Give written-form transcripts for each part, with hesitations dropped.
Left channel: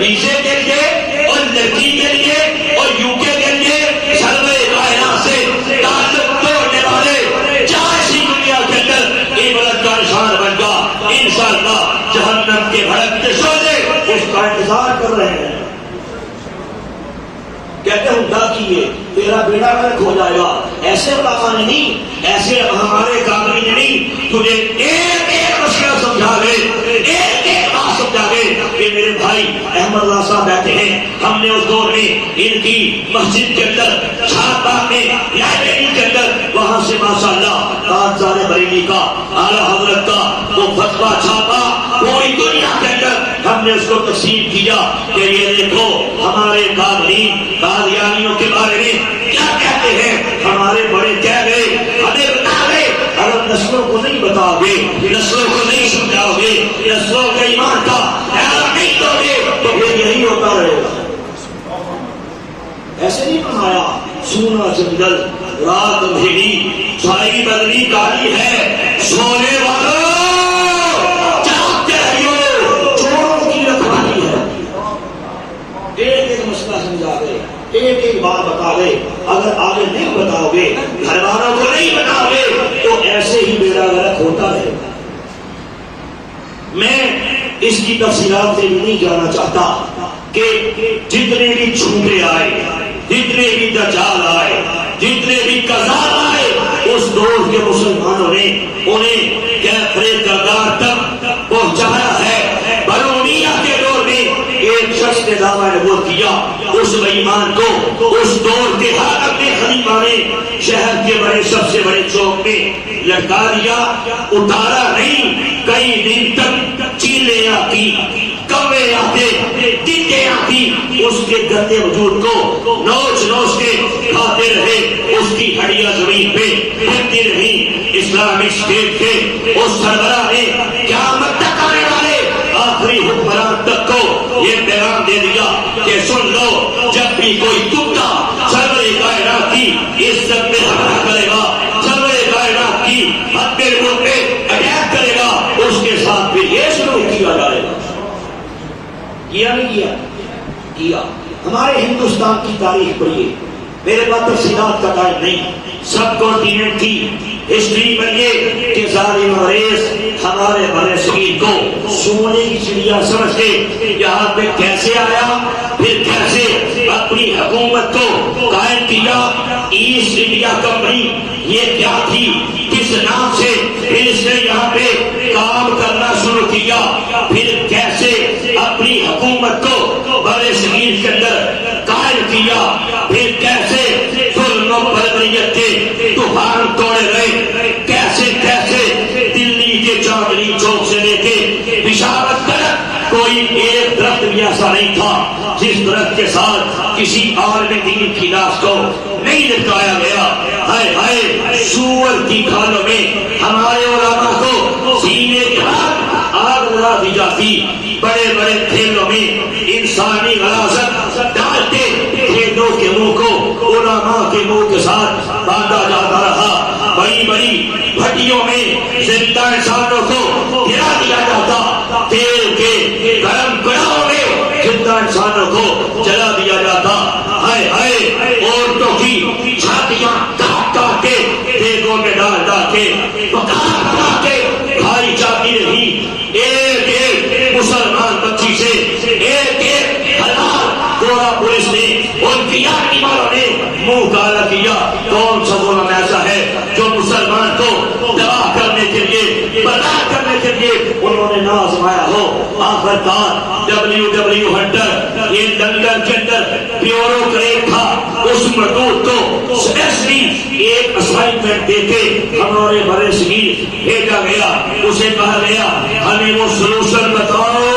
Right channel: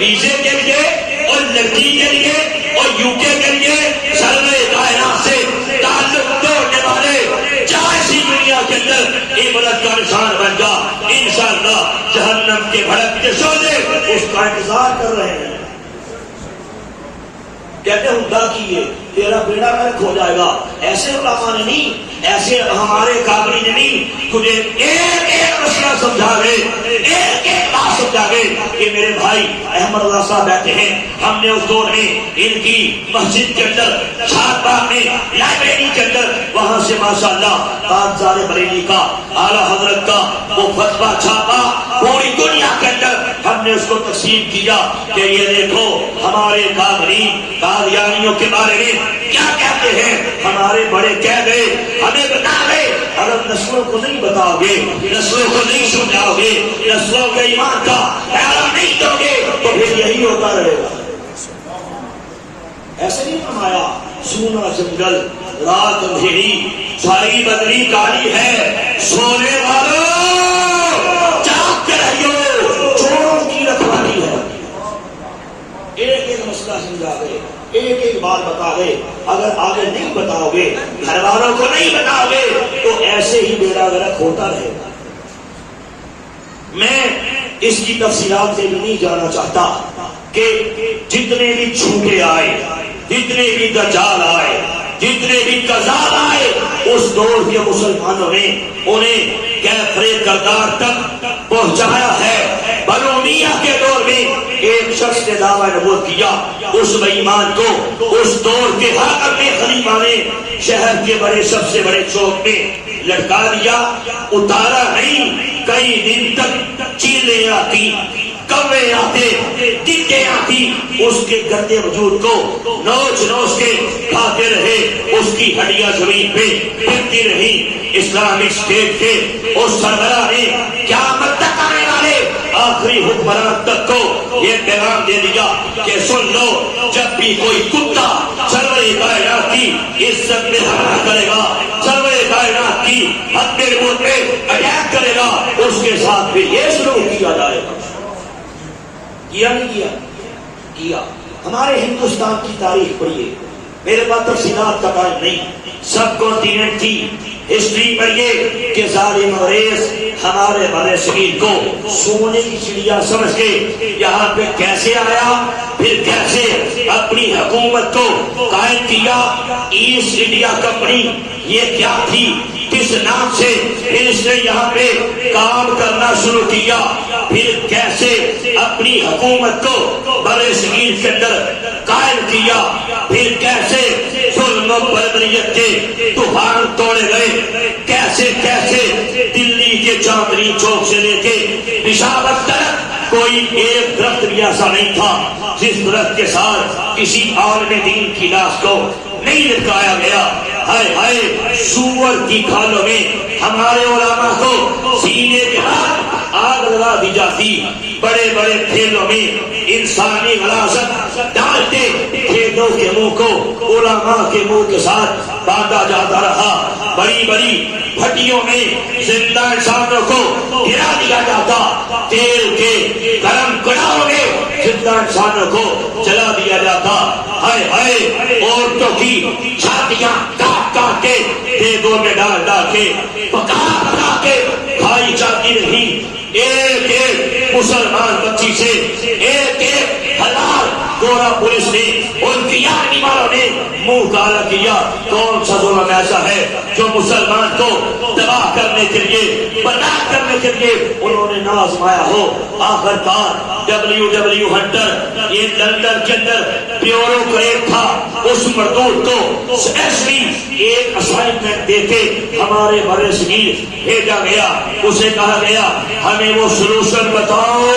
ویزے کے لیے اور لڑکی کے لیے اور یو کے لیے سرور کائنات سے تعلق توڑنے والے جائزی دنیا کے اندر عبرت کا نشان بن گا. انشاءاللہ جہنم کے بھڑکتے شعلے اس کا انتظار کر رہے ہیں. کہتے ہیں خدا کیے تیرا بیڑا غرق ہو جائے گا. ایسے علماء نے نہیں، ایسے ہمارے قابل نے نہیں، تجھے ایک ایک مسئلہ سمجھا گئے، ایک ایک بات سمجھا گئے کہ میرے بھائی احمد اللہ صاحب بیٹھے ہیں، ہم نے اس دور میں ان کی مسجد کے اندر، شاد باغ میں، لائبریری کے اندر، وہاں سے ماشاءاللہ تاجدار بریلی کا اعلیٰ حضرت کا وہ فتویٰ چھاپا، پوری دنیا کے اندر ہم نے اس کو تقسیم کیا کہ یہ دیکھو ہمارے قابلین قادیانیوں کے بارے میں کیا کہتے ہیں. ہمارے بڑے کہہ گئے، ہمیں بتا گئے اگر نسلوں کو نہیں بتاؤ گے، نسلوں کو نہیں سمجھاؤ گے، نسلوں کے ایمان کا خیال نہیں دو گے تو پھر یہی ہوتا رہے گا. ایسے نہیں فرمایا سونا جنگل رات اندھیری چھائی بدلی کالی ہے سونے والوں جاگتے رہیو چوروں کی رکھوالی ہے. ایک ایک مسئلہ سمجھا گئے، ایک ایک بات بتا گئے. اگر آگے نہیں بتاؤ گے، گھر والوں کو نہیں بتاؤ گے تو ایسے ہی بیڑا غرق ہوتا رہے گا. میں اس کی تفصیلات سے بھی نہیں جانا چاہتا کہ جتنے بھی جھوٹے آئے، جتنے بھی دجال آئے، جتنے بھی کذاب آئے، اس دور کے مسلمانوں نے انہیں کیفر کردار تک پہنچایا ہے. بنو امیہ کے دور میں ایک شخص نے دعویٰ نبوت کیا، اس ایمان کو اس دور کے حاکم میں خلیفہ نے شہر کے بڑے سب سے بڑے چوک میں لٹکا دیا. اتارا نہیں، کئی دن تک چیلیں آتی، کوے آتے، ٹڈے آتی، اس کے گندے وجود کو نوچ نوچ کے کھاتے رہے. اس کی ہڈیاں زمین پہ پھرتی رہی. اسلامک اسٹیٹ کے اس سربراہ نے قیامت تک آنے والے آخری حکمران تک کو یہ پیغام دے دیا کہ سن لو، جب بھی کوئی کتا سرور کائنات کی عزت میں حملہ کرے گا، سرور کائنات کی حد رول پہ اٹیک کرے گا، اس کے ساتھ بھی یہ سلوک کیا جائے گا. کیا نہیں کیا؟ کیا. ہمارے ہندوستان کی تاریخ پڑھیے، میرے پاس تفصیلات کا ٹائم نہیں، سب کانٹیننٹ کی ہسٹری پڑھیے کہ ظالم انگریز ہمارے بر صغیر کو سونے کی چڑیا سمجھ کے یہاں پہ کیسے آیا، پھر کیسے اپنی حکومت کو قائم کیا. ایسٹ انڈیا کمپنی یہ کیا تھی، کس نام سے پھر اس نے یہاں پہ کام کرنا شروع کیا، پھر کیسے اپنی حکومت کو بر صغیر کے اندر قائم کیا، پھر کیسے ظلم و بربریت کے طوفان توڑے گئے، کیسے کیسے دلی کے چاندنی چوک سے لے کے پشاور تک کوئی ایک درخت بھی ایسا نہیں تھا جس درخت کے ساتھ کسی عالم دین کی لاش کو نہیں لٹکایا گیا. ہائے ہائے، سور کی کھالوں میں ہمارے علماء کو سینے کے ہاتھ آگ لگا دی جاتی. بڑے بڑے کھیلوں میں انسانی غلاظت ڈالتے کھیلوں کے منہ کو علماء کے منہ کے ساتھ باندھا جاتا رہا. بڑی بڑی بھٹیوں میں زندہ انسانوں کو گرا دیا جاتا، تیل کے گرم کڑاہوں میں زندہ انسانوں کو جلا دیا جاتا. ہائے ہائے، عورتوں کی چھاتیاں کاٹ کاٹ کے دیگوں میں ڈال ڈال کے پکا پکا کے کھائی جاتی رہی. ایک ایک مسلمان بچی سے ایک ایک حلال گورا پولیس نے ان کی آرمی والوں نے منہ کالا کیا. کون سا ظلم ایسا ہے جو مسلمان کو تباہ کرنے کے لیے، برباد کرنے کے لیے انہوں نے نہ آزمایا ہو. آخر کار WW ہنٹر، یہ لندن کے اندر بیوروکریٹ تھا، اس مردود کو اسپیشلی ایک اسائنمنٹ دے کے ہمارے بر صغیر بھیجا گیا. اسے کہا گیا ہمیں وہ سلوشن بتاؤ،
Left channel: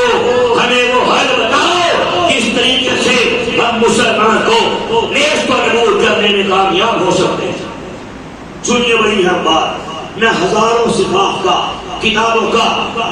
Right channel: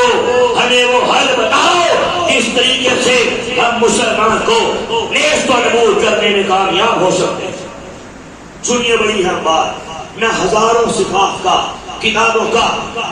ہمیں وہ حل بتاؤ کس طریقے سے ہم مسلمان کو نیز پر نبول کرنے میں کامیاب ہو سکتے ہیں. سنیے بڑی اہم بات، میں ہزاروں صفحات کا کتابوں کا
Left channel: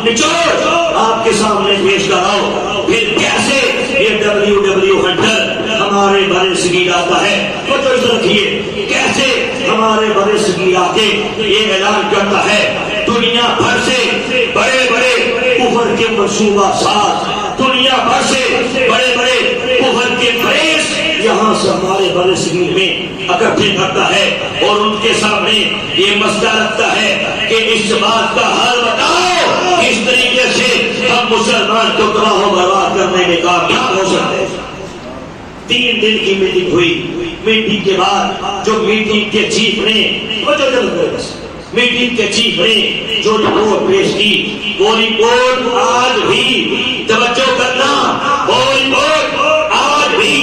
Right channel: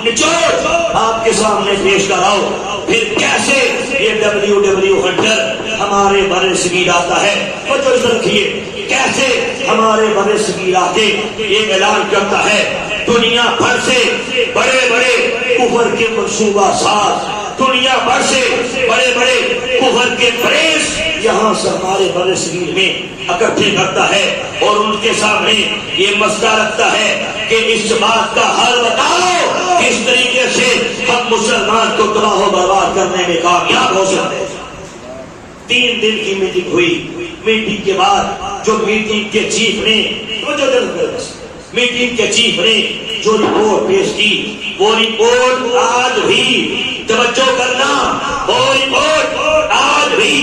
نچوڑ آپ کے سامنے پیش کر رہا ہوں. پھر کیسے یہ WW ہنٹر ہمارے بر صغیر آتا ہے، توجہ رکھیے، کیسے ہمارے بر صغیر آ کے یہ اعلان کرتا ہے دنیا بھر سے بڑے بڑے کفر کے منصوبہ ساز دنیا بھر سے بڑے بڑے کفر کے فریز یہاں سے ہمارے بڑے صغیر میں اکٹھے کرتا ہے اور ان کے سامنے یہ مسئلہ رکھتا ہے کہ اس بات کا حل بتاؤ اس طریقے سے ہم مسلمان کو تباہ و برباد کرنے میں کامیاب ہو سکتے ہیں۔ 3 دن کی میٹنگ ہوئی، میٹنگ کے بعد جو میٹنگ کے چیف نے میٹنگ کے چیف نے جو رپورٹ پیش کی وہ رپورٹ آج بھی توجہ کرنا، وہ رپورٹ آج بھی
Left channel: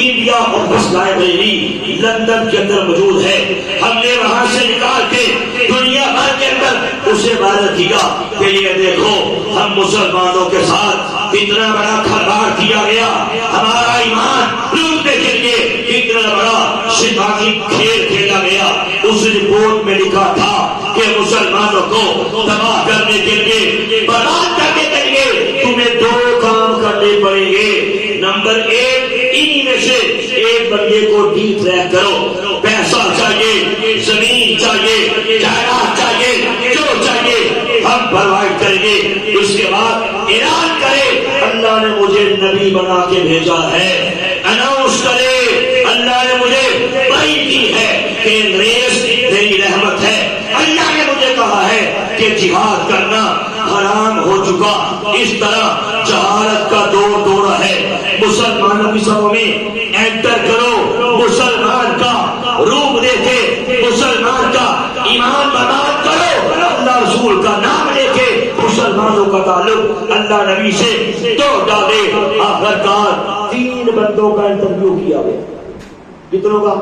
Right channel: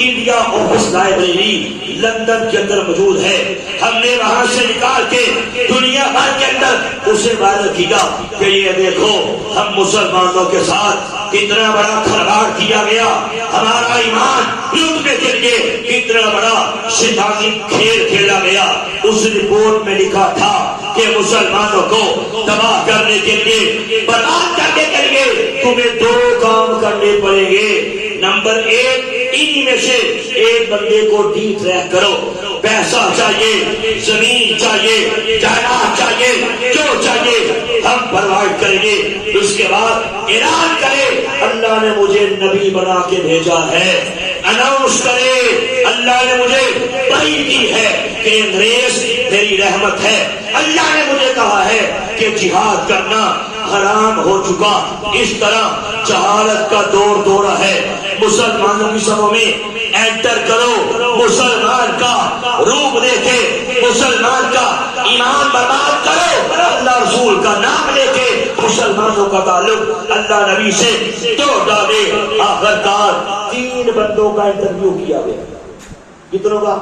انڈیا آفس لائبریری لندن کے اندر موجود ہے۔ ہم نے وہاں سے نکال کے دنیا بھر کے اندر اسے وائرل کیا کہ یہ دیکھو ہم مسلمانوں کے ساتھ کتنا بڑا کھلواڑ کیا گیا، ہمارا ایمان لوٹنے کے لیے کتنا بڑا شیطانی کھیل کھیلا گیا۔ اس رپورٹ میں لکھا تھا کہ مسلمانوں کو تباہ کرنے کے لیے، برباد کرنے کے لیے تمہیں 2 کام کرنے پڑیں گے۔ نمبر 1، انہی میں سے ایک بندے کو ڈی ٹریک کرو، پیسہ چاہیے، زمین چاہیے، جائیداد چاہیے، جو چاہیے ہم پرووائڈ کریں گے۔ اس کے بعد اعلان کرے اللہ نے مجھے نبی بنا کے بھیجا ہے، اناؤنس کرے اللہ نے مجھے بھائی دی ہے کہ انگریز میری رحمت ہے، اللہ نے مجھے کہا ہے کہ جہاد کرنا حرام ہو چکا۔ اس طرح جہالت کا دورہ ہے، مسلمانوں کی سبوں میں انٹر کرو، مسلمان کا روپ دے کے مسلمان کا ایمان برباد کرو، اللہ رسول کا نام لے کے مسلمانوں کا تعلق اللہ نبی سے توڑ ڈالے۔ آخرکار 3 بندوں کا انٹرویو کیا گیا، کتنوں کا؟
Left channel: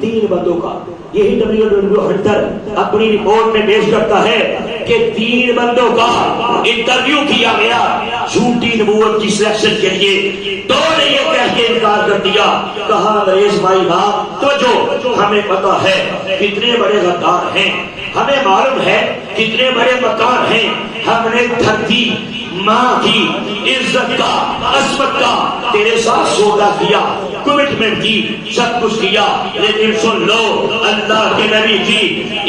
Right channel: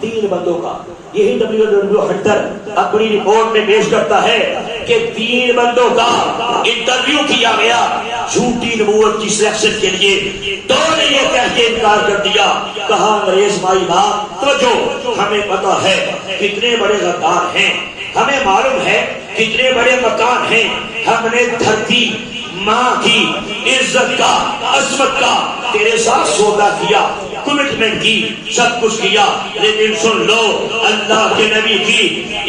3 بندوں کا۔ یہی WW ہنٹر اپنی رپورٹ میں پیش کرتا ہے کہ 3 بندوں کا انٹرویو کیا گیا جھوٹی نبوت کی سلیکشن کے لیے۔ 2 نے یہ کہہ کے انکار کر دیا، کہا انگریز بھائی باپ تو جو ہمیں پتا ہے کتنے بڑے غدار ہیں، ہمیں معلوم ہے کتنے بڑے مکان ہیں، ہم نے دھرتی ماں کی عزت کا، عظمت کا تیرے ساتھ سودا کیا، کمٹمنٹ کی، سب کچھ کیا، لیکن سن لو اللہ کے نبی کی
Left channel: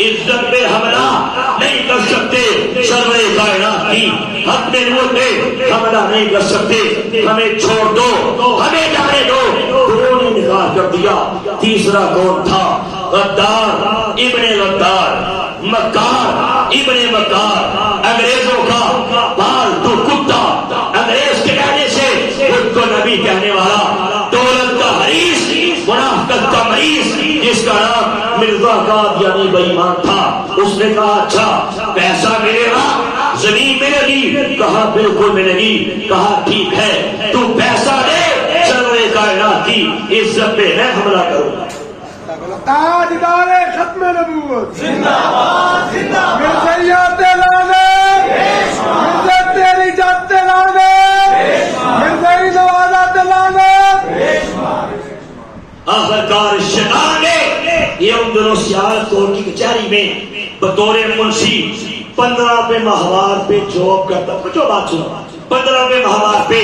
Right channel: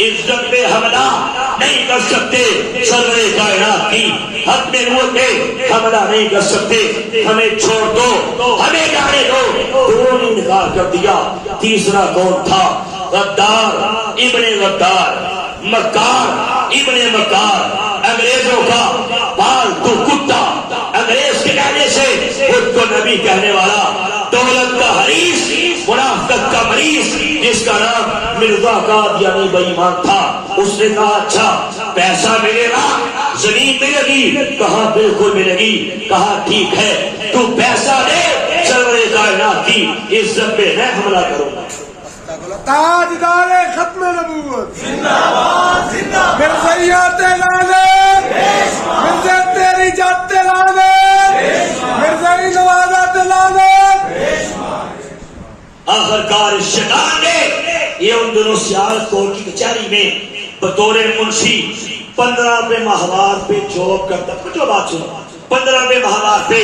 عزت پہ حملہ نہیں کر سکتے، سرور کائنات کی حق نبوت پہ حملہ نہیں کر سکتے، ہمیں چھوڑ دو، ہمیں جانے دو۔ 2 نے انکار کر دیا۔ تیسرا کون تھا؟ غدار ابن غدار، مکار ابن مکار، انگریزوں کا پالتو کتا، انگریز کے کہنے سے خود کو نبی کہنے والا، دولت کا حریص، منافقت کا مریض، جس کا نام مرزا قادیانی بے ایمان تھا۔ اس نے کہا اچھا پیسہ ملے گا، زمین ملے گی؟ کہا بالکل ملے گی۔ کہا ٹھیک ہے تو پیسہ دے، سرور کائنات کی عزت پہ میں حملہ کروں گا۔ تاجدار ختم نبوت زندہ باد، مرزائیات لعنت، مرزا تیری جات لعنت، مرزائی نوازات لعنت۔ آخرکار شیطان نے یہ ان دنوں سیاست کورٹ کی کچہری میں بطور منشی 15 روپے ماہوار پہ جاب کرتا، جو بات سنو، 15 روپے ماہوار پہ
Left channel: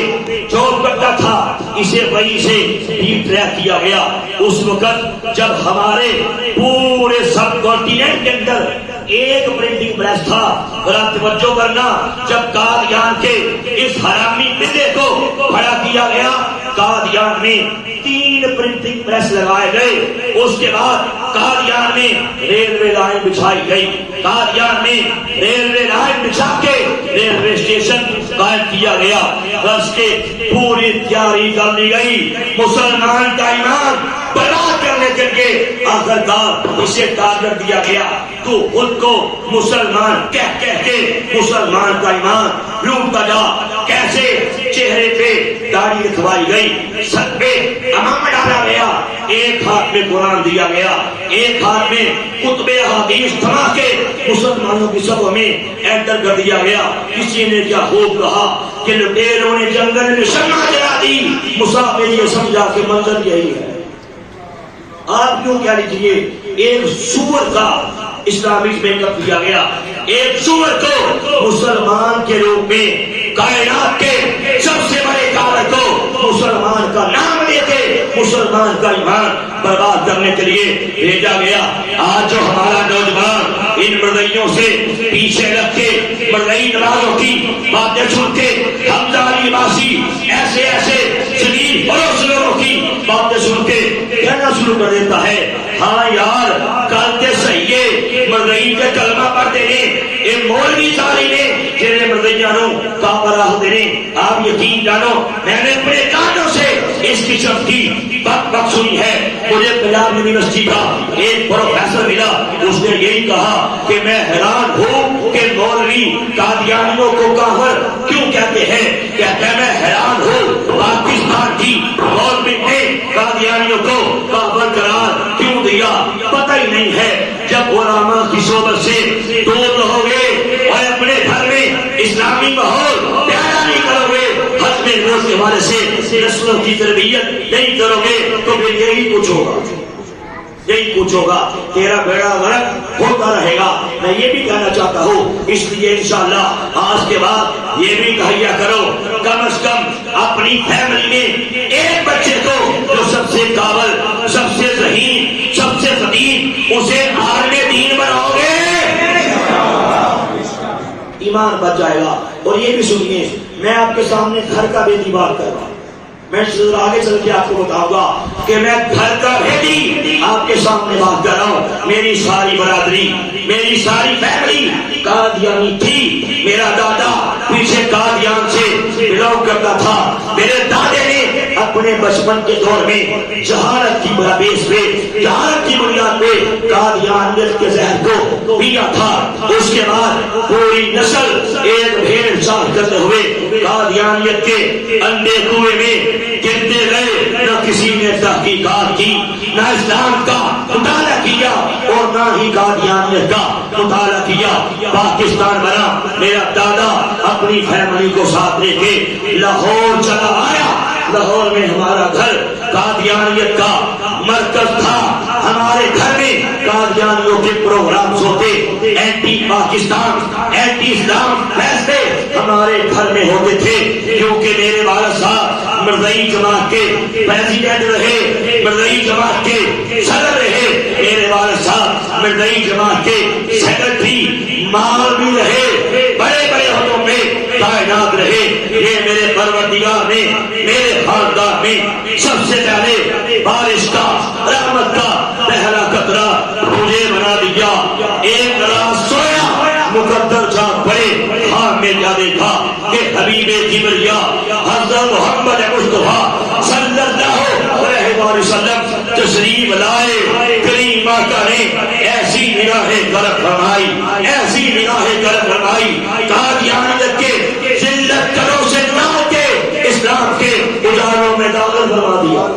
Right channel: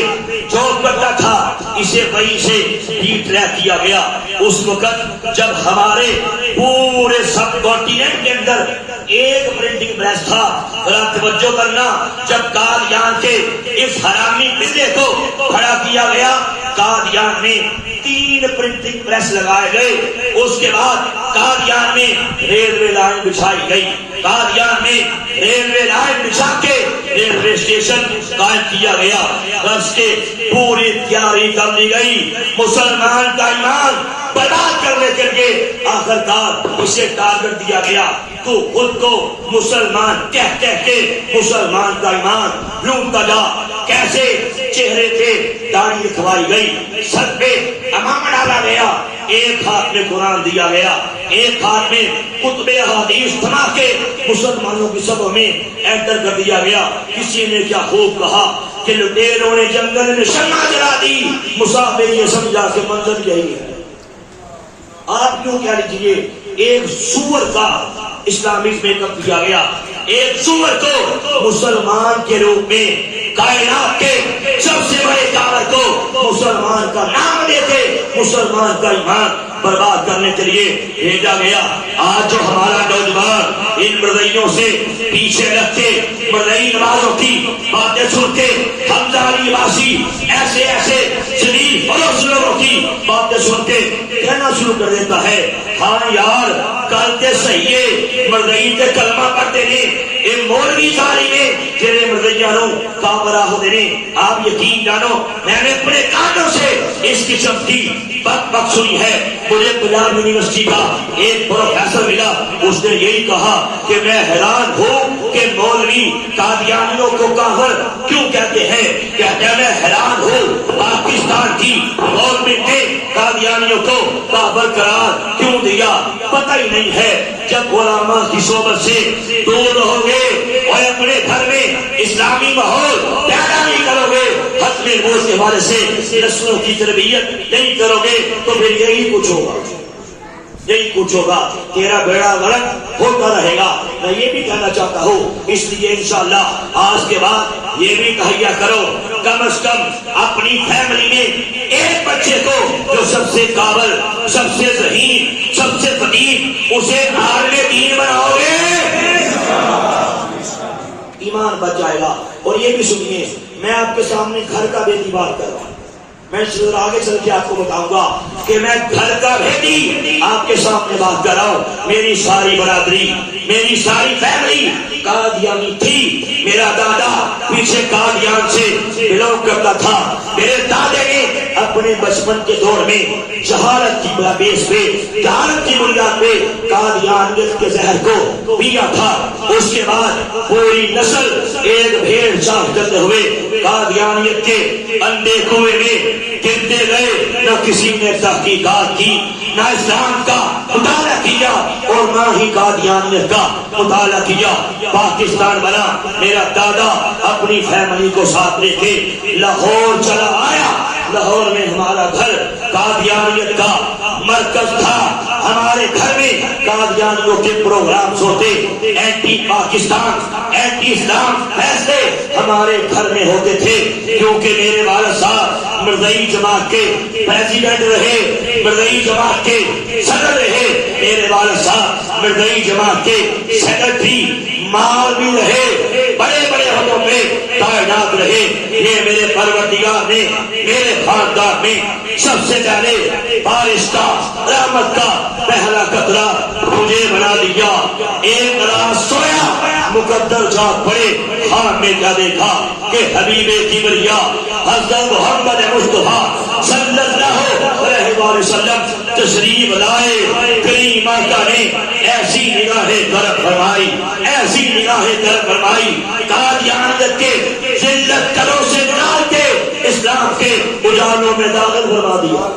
جاب کرتا تھا۔ اسے وہیں سے ڈی ٹریک کیا گیا۔ اس وقت جب ہمارے پورے سب کانٹیننٹ کے اندر ایک پرنٹنگ پریس تھا، ذرا توجہ کرنا، جب قادیان کے اس حرامی بندے کو کھڑا کیا گیا، قادیان میں 3 پرنٹنگ پریس لگائے گئے۔ اس کے بعد قادیان میں ریلوے لائن بچھائی گئی، قادیان میں ریلوے لائن بچھا کے ریلوے اسٹیشن قائم کیا گیا، بس کے پوری تیاری کر لی گئی مسلمان کا ایمان برباد کرنے کے لیے۔ آخرکار اسے ٹارگٹ دیا گیا، تو خود کو مسلمان کہہ کے مسلمان کا ایمان لوٹتا جا۔ کیسے؟ چہرے پہ داڑھی رکھوائی گئی، سر پہ امامہ ڈالا گیا، ایک ہاتھ میں قرآن دیا گیا، ایک ہاتھ میں کتب حدیث تھما کے مسلمانوں کی صفوں میں انٹر کر دیا گیا۔ کسی نے کیا خوب کہا کہ لٹیروں نے جنگل میں شمع جلا دی، مسافر یہ سمجھا کہ منظر یہی ہے۔ آپ کیوں کیا لیجیے، ایک سور کا اسلامک میک اپ کیا گیا، ایک سور کو مسلمان کے روپ میں کائنات کے سب سے بڑے طاقت کو مسلمان کا نام لے کے مسلمان کا ایمان برباد کرنے کے لیے بھیجا گیا۔ آج جو ہمارا نوجوان ان مرزائیوں سے پیچھے رکھ کے مرزائی نمازوں کی باتیں سن کے حمزہ علی عباسی ایسے ایسے شدید فروغ کی باتیں سن کے کہنا شروع کر دیتا ہے ہاں یار کرتے صحیح ہے مرزئی کے کلمہ پڑھتے ہیں یہ مولوی ساری نے جنہیں مرزیانوں کامرہ ہوتے ہیں. آپ یقین جانو میں نے اپنے کانوں سے اس قسم کی بک سنی ہے. مجھے پنجاب یونیورسٹی کا ایک پروفیسر ملا, اس نے یہی کہا کہ میں حیران ہوں کہ مولوی قادیانیوں کو کافر کیوں کہتے ہیں. کہتے ہیں میں حیران ہوں پاکستان کی گورنمنٹ نے قادیانیوں کو کافر قرار کیوں دیا. پتہ ہی نہیں ہے. جب علماء کی صحبت سے دور رہو گے اور اپنے گھر میں اسلامی ماحول پیدا نہیں کرو گے, حتمی موت کے حوالے سے نسلوں کی تربیت نہیں کرو گے تو پھر یہی کچھ ہوگا, یہی کچھ ہوگا. تیرا بیڑا غرق ہوتا رہے گا. میں یہ بھی کہنا چاہتا ہوں, اس لیے انشاءاللہ آج کے بعد یہ بھی کہیا کرو کم از کم اپنی فیملی میں ایک بچے کو جو سب سے قابل, سب سے ذہین, سب سے فقیر, اسے عالم دین بناؤ گے, ایمان بچ جائے گا. اور یہ بھی سنیے, میں آپ کے سامنے گھر کا بیٹی بات کر رہا ہوں. میں آگے چل کے آپ کو بتاؤں گا کہ میں گھر کا بیٹی آپ کے سامنے بات کر رہا ہوں. میری ساری برادری, میری ساری فیملی قادیانی تھی. میرا دادا پیچھے قادیان سے بلونگ کرتا تھا. میرے دادے نے اپنے بچپن کے دور میں جہالت کی بیس پہ, جہالت کی بنیاد پہ قادیانیت کے زہر کو پیا تھا. اس کے بعد پوری نسل ایک بھیڑ چال کرتے ہوئے قادیانیت کے اندھے کنویں میں گرتے گئے. نہ کسی نے تحقیقات کی, نہ اسلام کا مطالعہ کیا اور نہ ہی قادیانیت کا مطالعہ کیا. پاکستان بنا. میرا دادا اپنی فیملی کو ساتھ لے کے لاہور چلا آیا. لاہور میں ہمارا گھر قادیانیت کا مرکز تھا. ہمارے گھر میں قادیانیوں کے پروگرامز ہوتے, اینٹی پاکستان, اینٹی اسلام فیصلے ہمارے گھر میں ہوتے تھے. کیونکہ میرے والد صاحب مرزئی جماعت کے پریزیڈنٹ رہے, مرزئی جماعت کے صدر رہے, میرے والد صاحب مرزئی جماعت کے سیکرٹری مال بھی رہے, بڑے بڑے عہدوں میں تعینات رہے. یہ میرے پروردگار نے میرے خاندان میں سب سے پہلے بارش کا, رحمت کا پہلا قطرہ مجھے بنا دیا. ایک رات سویا, مقدر جاگ پڑے, خواب میں کیا دیکھا کہ حبیب کبریا حضرت محمد مصطفیٰ صلی اللہ علیہ وسلم تشریف لائے. کریم ماتا نے ایسی نگاہیں کرم فرمائی, ایسی نگاہیں کرم فرمائی, قادیانیت کے ذلت کروں سے نکال کے اسلام کے اجالوں میں داخل فرما دیا.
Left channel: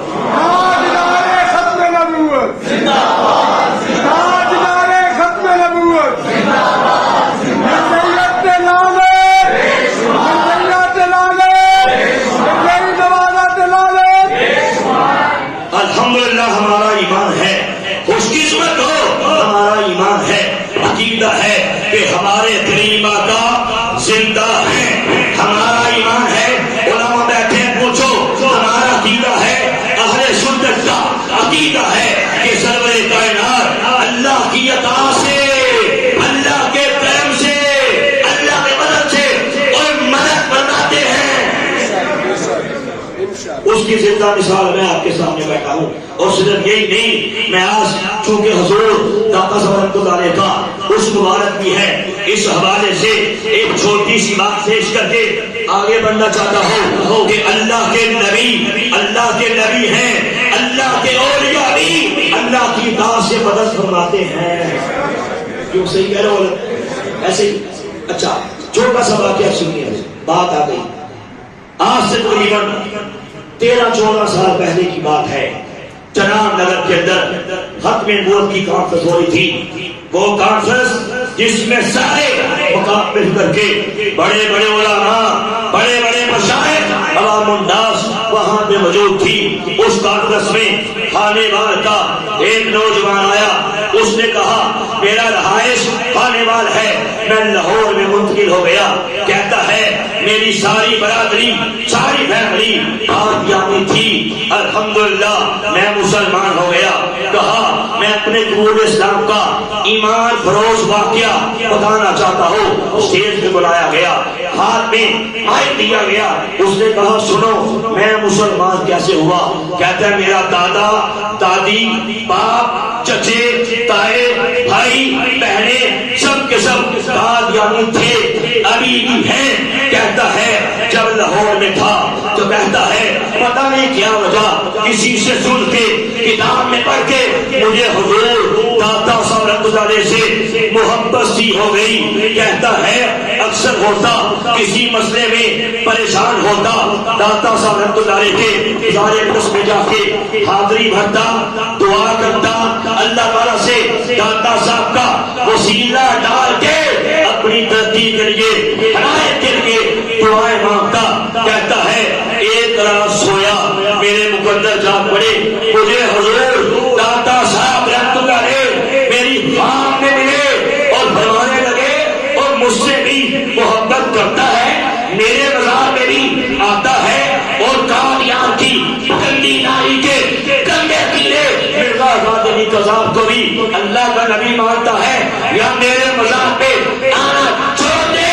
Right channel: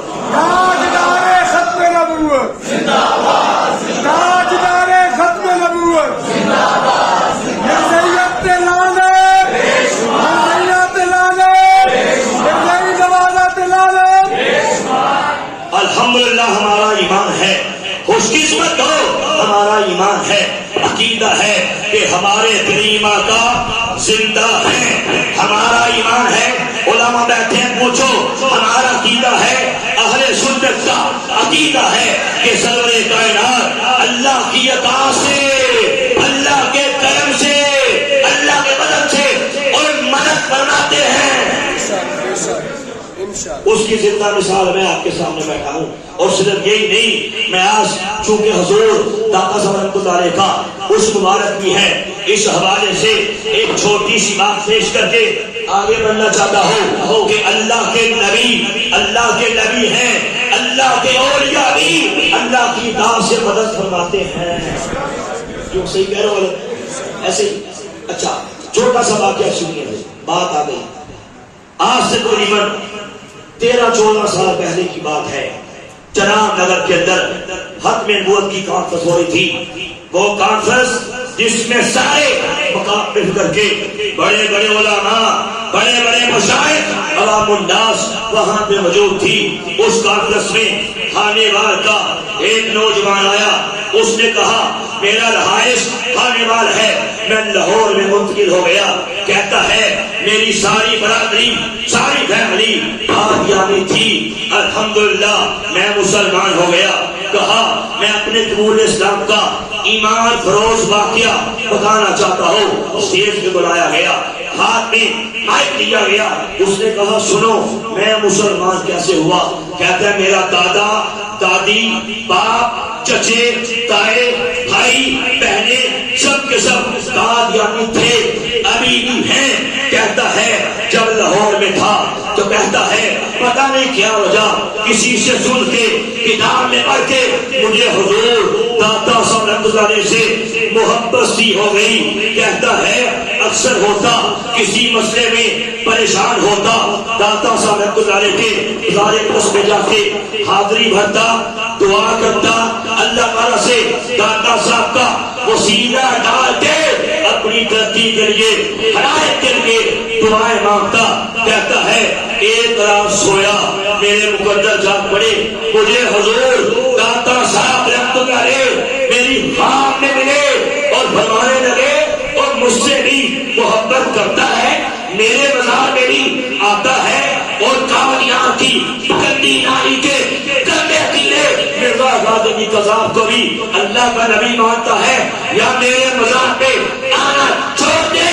الحمدللہ ہمارا ایمان ہے, خوش قسمت ہو ہمارا ایمان ہے, عقیدہ ہے کہ ہمارے کریم آقا زندہ ہیں. ہمارا ایمان ہے, علماء بیٹھے ہیں پوچھو, ہمارا عقیدہ ہے, اہل سنت کا عقیدہ ہے کہ سرور کائنات اللہ کی عطا سے, اللہ کے کرم سے, اللہ کے مدد سے اور مدد فرماتے ہیں. اس کی زندہ مثال میں آپ کے سامنے بیٹھا ہوں. اور صرف یہی نہیں, میں آج چونکہ حضور داتا صاحب رحمۃ اللہ علیہ کا اس مبارک بھی ہے, اس حوالے سے ایک چھوٹی سی بات پیش کر کے آگے بڑھنا چاہتا ہوں کہ اللہ کے نبی, اللہ کے نبی ہیں, اللہ کے اولیاء بھی اللہ کی اطاعت سے مدد فرماتے ہیں. کیوں صحیح کہہ رہے ہو ایسے ہی. اچھا چھوٹا سا واقعہ سنیے, بات آ گئی. آج سے تقریباً 13-14 سال پہلے کی بات ہے. چناب نگر کے اندر ختم نبوت کی کانفرنس ہو رہی تھی. وہ کانفرنس جس میں سارے مقام مل کر کے بڑے بڑے علماء, بڑے بڑے مشائخ, عوام الناس وہاں پہ موجود تھی. اس کانفرنس میں خانے وال کا ایک نوجوان آیا, اس نے کہا میرا رہائش خانے وال ہے، میں لاہور میں منتقل ہو گیا. کہتا ہے میری ساری برادری ساری فیملی قادیانی تھی، الحمدللہ میں مسلمان ہو گیا. کہا میں اپنے قبول اسلام کا ایمان فروز واقعہ بتانا چاہتا ہوں. اسٹیج پہ بلایا گیا، ہاتھ میں مائک دیا گیا. اس نے کہا سنو میں مسلمان کیسے ہوا. کہتا ہے میرا دادا دادی باپ چچے تائے بھائی بہنیں سب کے سب قادیانی تھے، ابھی بھی ہیں. کہتا ہے جب لاہور میں تھا تو کہتا ہے پتہ نہیں کیا وجہ کسی سے سن کے کتاب میں پڑھ کے مجھے حضور داتا صاحب رحمۃ اللہ علیہ سے محبت سی ہو گئی. کہتا ہے اکثر ہوتا کسی مسئلے میں پریشان ہوتا داتا صاحب رحمۃ اللہ علیہ کے گزارے میں جا کے حاضری بھرتا دعا کرتا، اللہ تعالیٰ سے داتا صاحب کا وسیلہ ڈال کے اپنی ترقی کے لیے ہدایت کے لیے دعائیں مانگتا. کہتا ہے ایک رات سویا میرے مقدر جاگ پڑے، مجھے حضور داتا صاحب رحمۃ اللہ علیہ میری خواب میں ملے اور فرمانے لگے اور مجھ سے بھی محبت کرتا ہے، میرے مزار میں بھی آتا ہے اور قادیان کی گندی نائی کے گندے کیے مرزا غازی قذاب کو بھی اللہ کا نبی مانتا ہے. یا میرے مزار پہ آنا چھوڑ دے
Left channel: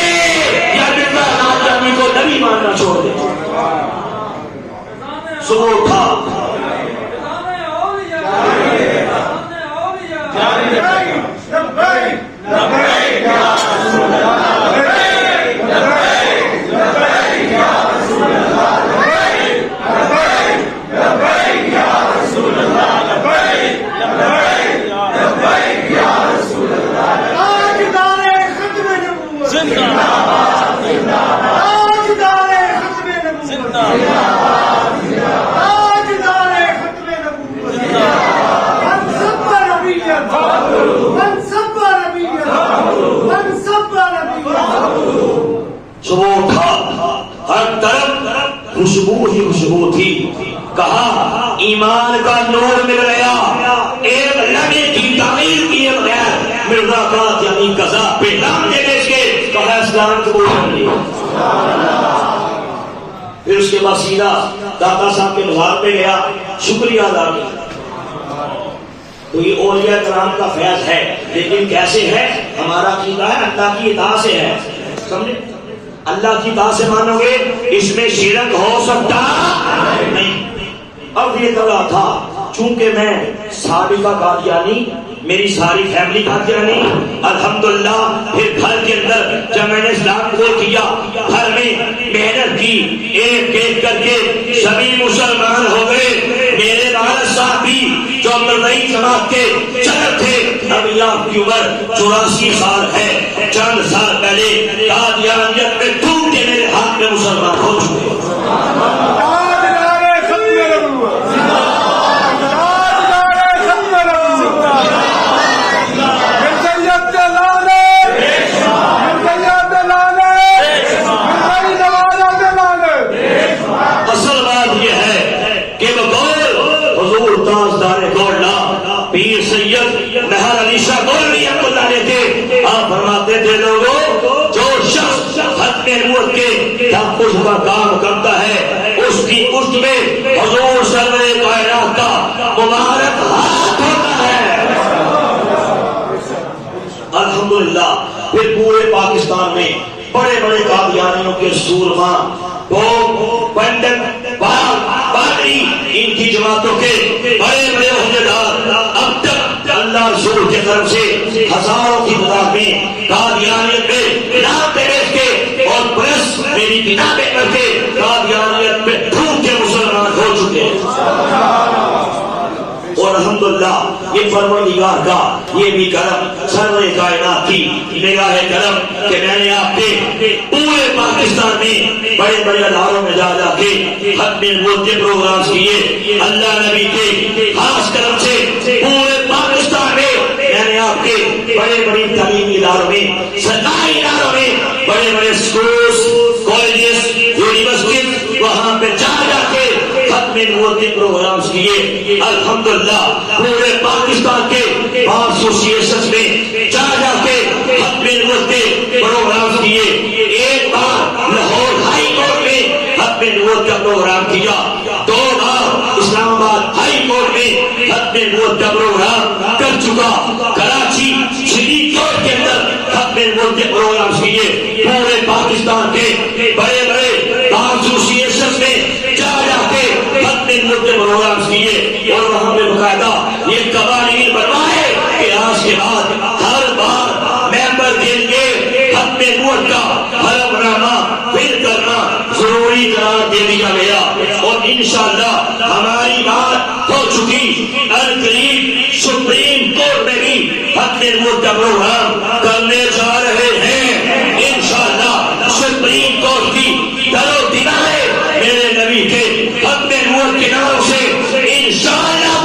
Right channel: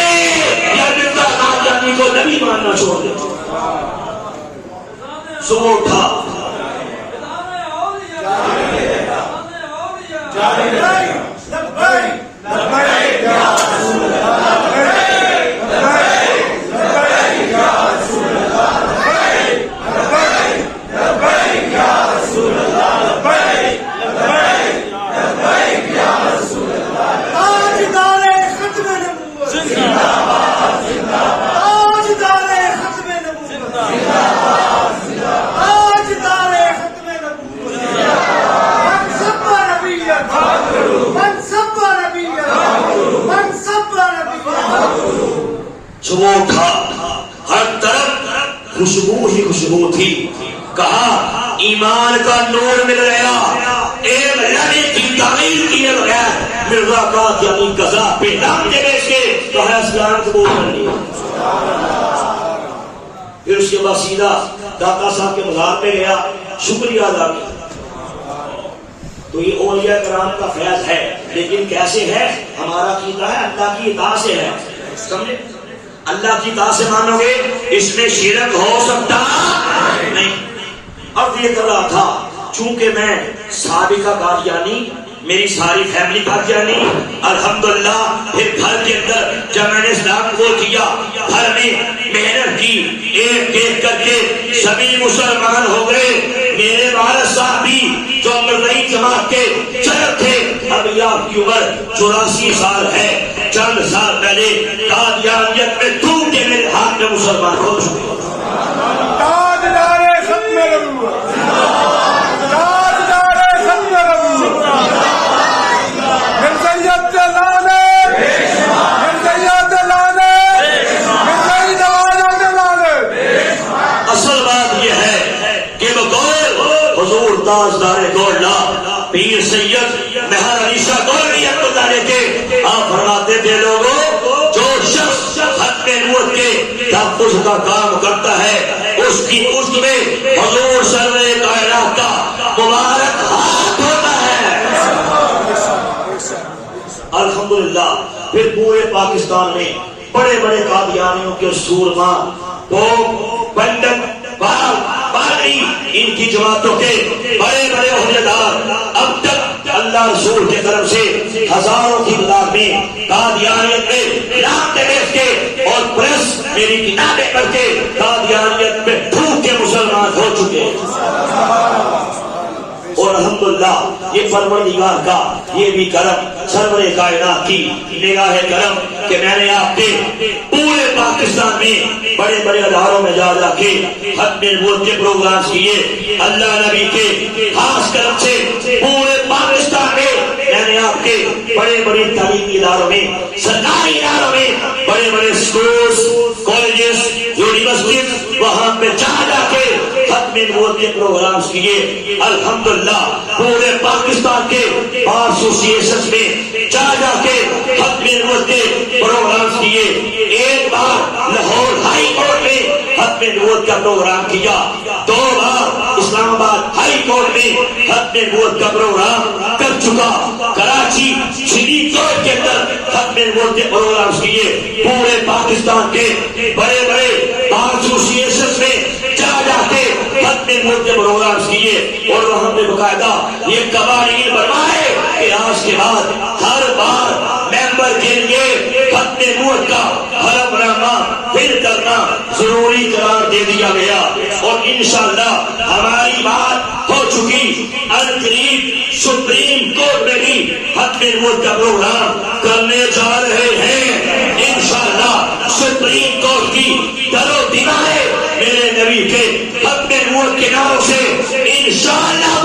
یا مرزا غازی کو نبی ماننا چھوڑ دے. صبح اٹھا صبح اٹھا ہر طرف خوشبو ہی خوشبو تھی. کہا ایمان کا نور مل گیا، ایک لڑی کی تعمیر کیے بغیر مرزا قادیانی قذاب پہ نام دے بیچ کے کہا اسلام قبول کر لیا. پھر اس کے بعد سیدھا داتا صاحب کے مزار پہ گیا، شکریہ ادا کیا. تو یہ اولیاء کرام کا فیض ہے، لیکن کیسے ہے؟ ہمارا عقیدہ ہے اللہ کی اطاعت سے ہے. سمجھے؟ اللہ کی اطاعت سے مانو گے اس میں شرک ہو سکتا نہیں. اب یہ کر رہا تھا چونکہ میں سابقہ قادیانی، میری ساری فیملی قادیانی، الحمدللہ. پھر گھر کے اندر جب میں نے اسلام کو کیا، گھر میں محنت کی، ایک ایک کر کے سبھی مسلمان ہو گئے. میرے والد صاحب بھی جو مرزائی جماعت کے چہر تھے، ابھی آپ کی عمر 84 سال ہے. چند سال پہلے قادیانیت میں ڈوب کے میرے ہاتھ میں مسلمان ہو چکے. اصل بات یہ ہے کہ حضور تاجدار گولڈا پیر سید مہر علی شاہ گولڈی کے آپ فرماتے تھے لوگوں جو شخص ختم نبوت کے تحفظ کا کام کرتا ہے اس کی عشق میں حضور سرور کائنات کا مبارک ہاتھ ہوتا ہے. الحمدللہ. پھر پورے پاکستان میں بڑے بڑے قادیانیوں کے سورما پنڈت بادری ان کی جماعتوں کے بڑے بڑے عہدیدار اب تک اللہ رسول کے طرف سے ہزاروں کی تعداد میں قادیانیت میں نام بیچ کے اور پریس میری کتابیں پڑھ کے قادیانیت میں ڈوب کے مسلمان ہو چکے ہیں. اور الحمدللہ یہ پروردگار کا یہ بھی کرم، سرور کائنات کی نگاہ کرم کہ میں نے آپ کے پورے پاکستان میں بڑے بڑے اداروں میں جا جا کے ختم نبوت کے پروگرام کیے. اللہ نبی کے خاص کرم سے پورے پاکستان میں میں نے آپ کے بڑے بڑے تعلیمی اداروں میں، سرکاری اداروں میں، بڑے بڑے اسکولز، کالجز، یونیورسٹیز، وہاں پہ جا جا کے ختم نبوت کے پروگرامز کیے. الحمدللہ پورے پاکستان کے بار ایسوسیشن میں جا جا کے ختم نبوت کے پروگرامز کیے. ایک بار لاہور ہائی کورٹ میں ختم نبوت کا پروگرام کیا. 2 بار اسلام آباد ہائی کورٹ میں ختم نبوت کا پروگرام کر چکا. کراچی شریف کورٹ کے اندر ختم نبوت کے پروگرامز کیے. پورے پاکستان کے بڑے بڑے بار ایسوسیشن میں جا جا کے ختم نبوت کے پروگرامز کیے. اور وہاں پہ باقاعدہ یہ قوانین بنوائے کہ آج کے بعد ہر بار ممبر کے لیے ختم نبوت کا حلف نامہ پھر کرنا ضروری قرار دے دیا گیا. اور انشاءاللہ ہماری بات ہو چکی. القریب سپریم کورٹ میں بھی ختم نبوت کا پروگرام کرنے جا رہے ہیں. انشاءاللہ سپریم کورٹ کی دل و دلائے میرے نبی کے ختم نبوت کے ناموں سے انشاءاللہ